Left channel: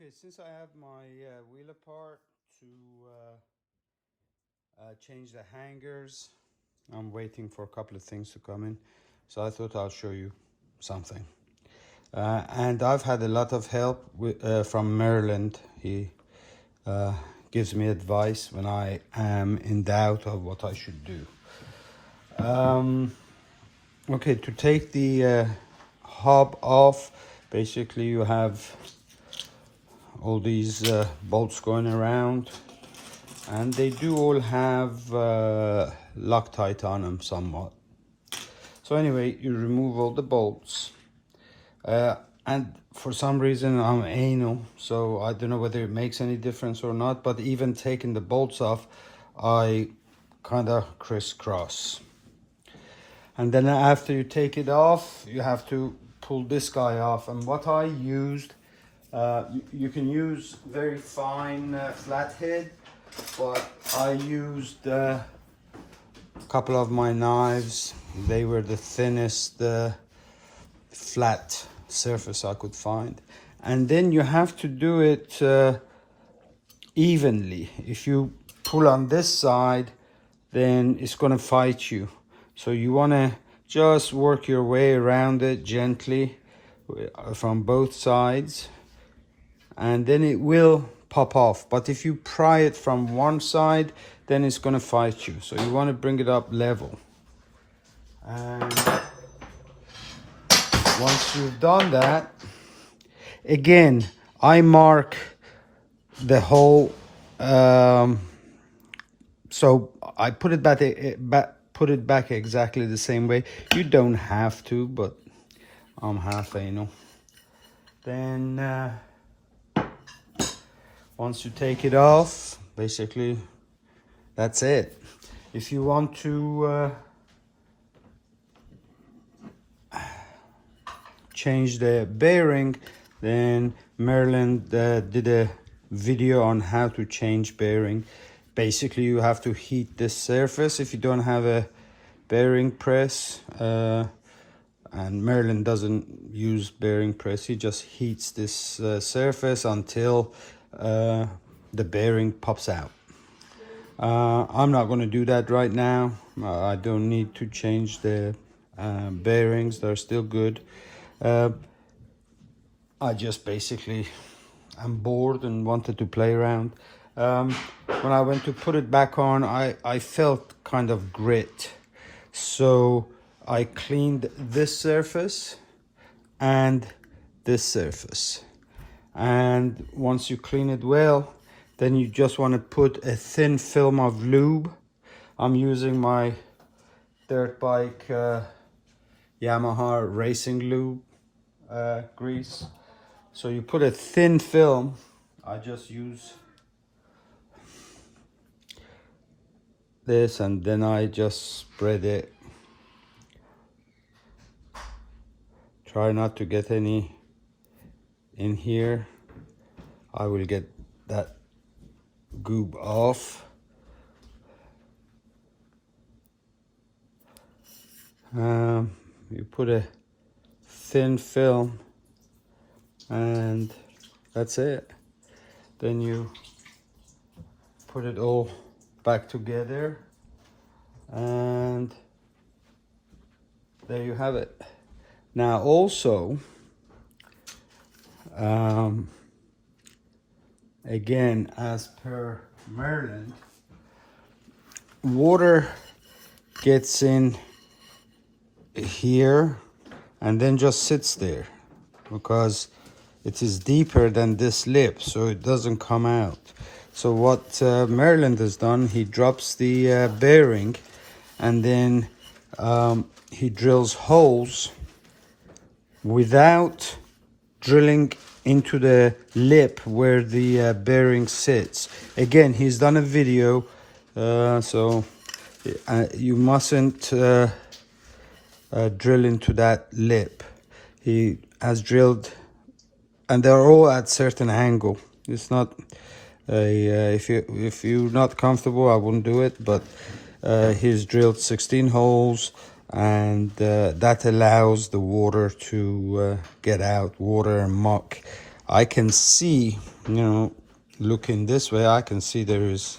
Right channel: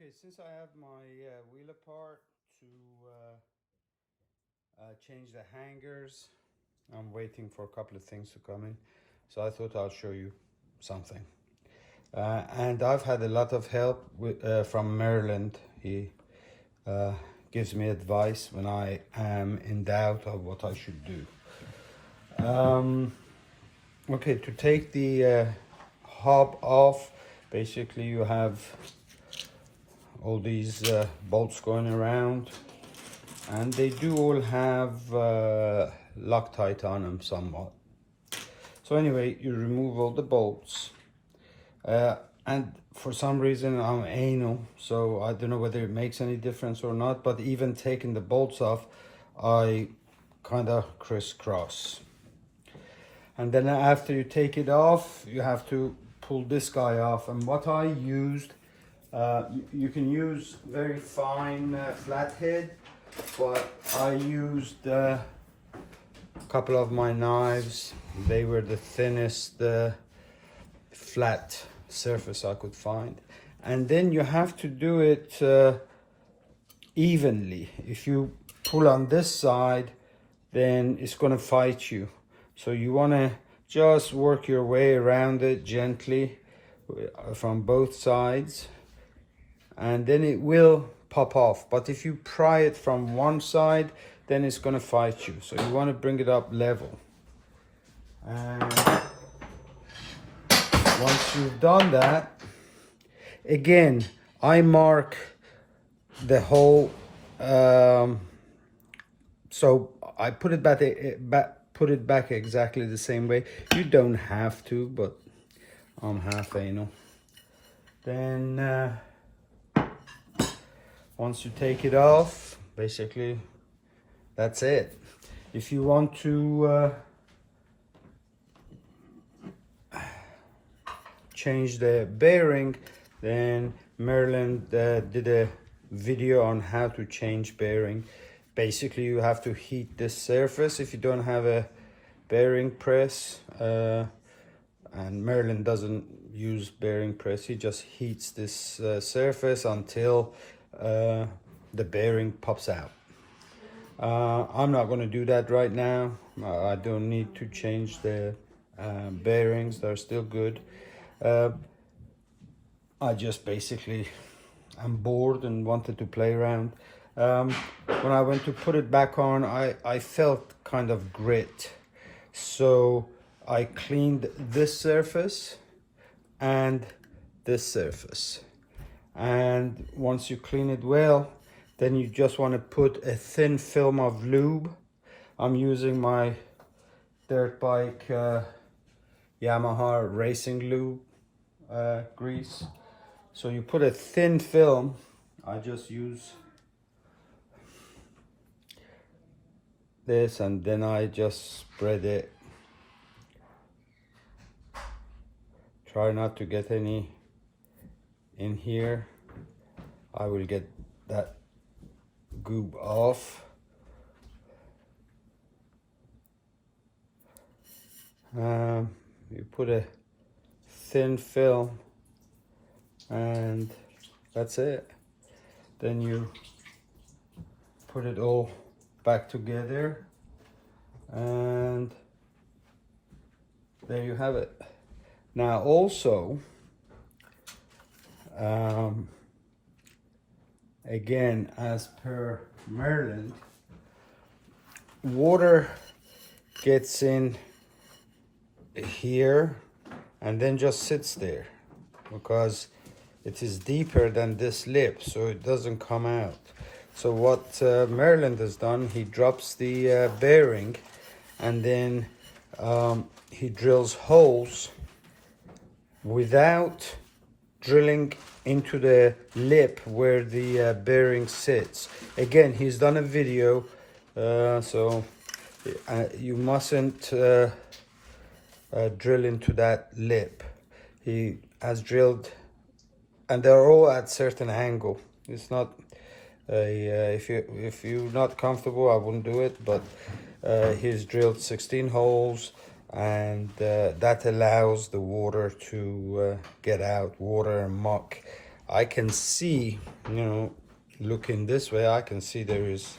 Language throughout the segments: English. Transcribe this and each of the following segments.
Okay, since I have my wheel apart to change the hangers, I'm waiting for a couple of things to come in. So I thought I'll show you something. And I've had a lot of help from Murland. He gives me advice when I am in doubt of what I should do. Okay, to take the hob off, basically you have all these bolts going around, and they do all have Loctite on them somewhat. So anyway, you remove all the bolts, and for some reason I'm anal, so I don't know whether it makes any difference or not, but even taking the bolts off, I kind of crisscross. And then after you take it off, you have to pull this guy off. And what I used, you can use very fine flathead, but I used a couple of my knives. They were the thinnest flat surface I could find. And then you have to do it evenly. If you pull on this side, then it's going to fight you. So you want to just work your way around it gently from both sides, and then it will pop off. But if you pry it from one side, then it's going to fight you. So you want to bring it up level. And once you've done that, again, I mark the hole. So I put it back exactly the same way. You don't have to, but I'm half anal. Then once you take it off, basically that's it. If you want to change the bearing, then Murland did a video on how to change bearing. Basically, you have to heat this surface if you don't have a bearing press. And Murland doesn't use bearing press. He just heats this surface until the bearing pops out. I'm not going to do that right now. I don't need to change the bearings. They're still good. I just basically am bored and wanted to play around. When I went to put it back on, I felt kind of grit. So I cleaned this surface and this surface. And once you clean it well, then you just want to put a thin film of lube. I'm using my dirt bike Yamaha racing lube grease. So you put a thin film. I just use this, and then I just spread it. Try not to get any in here. I will get that goob off. You put a thin film, and that's it. Then you put it all back together, and there you have it. Now also, again, as per Murland, water gets in here and then just sits there because it is deeper than this lip, so it doesn't come out. So what Murland has done, he drops the bearing, and then he drills holes without drilling into the lip where the bearing sits. Again, he's done a video, so you mustn't drill into that lip. He has drilled, and they're all at certain angle. It's not if you're not comfortable, I wouldn't do it, but he's drilled 16 holes, and that allows the water to get out, water and muck. I can see, you know, looking this way, I can see there is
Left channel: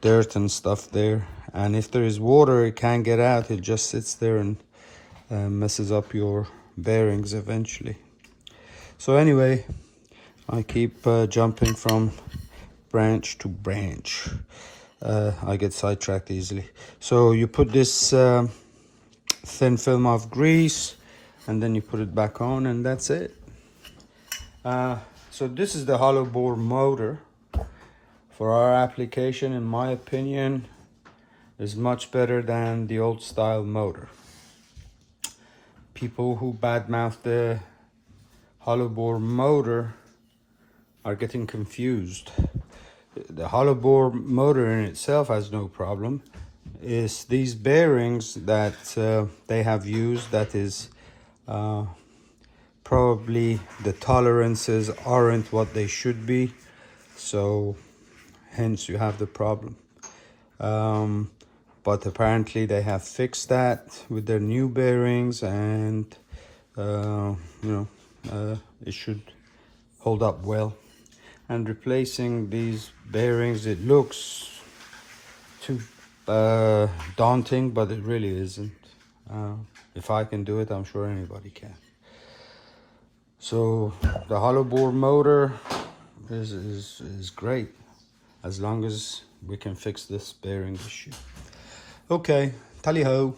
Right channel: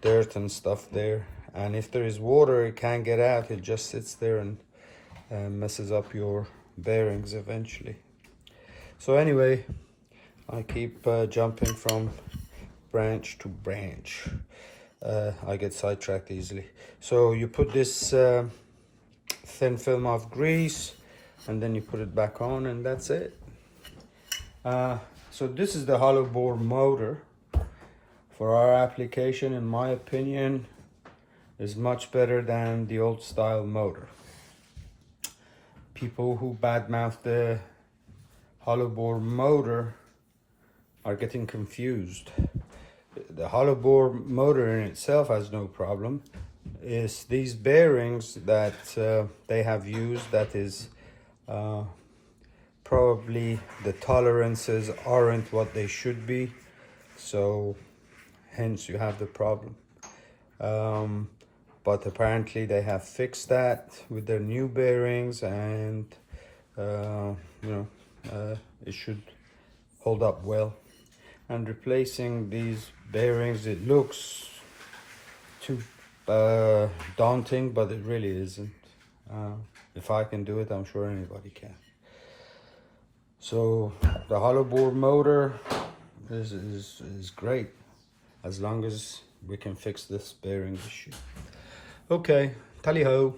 dirt and stuff there, and if there is water it can't get out. It just sits there and messes up your bearings eventually. So anyway, I keep jumping from branch to branch. I get sidetracked easily. So you put this thin film of grease and then you put it back on, and that's it. So this is the hollow bore motor. For our application, in my opinion, is much better than the old style motor. People who badmouth the hollow bore motor are getting confused. The hollow bore motor in itself has no problem. It's these bearings that they have used that is probably the tolerances aren't what they should be, so hence you have the problem. But apparently they have fixed that with their new bearings, and it should hold up well. And replacing these bearings, it looks too daunting, but it really isn't. If I can do it, I'm sure anybody can. So the hollow bore motor is great, as long as we can fix this bearing issue. Okay, tally ho.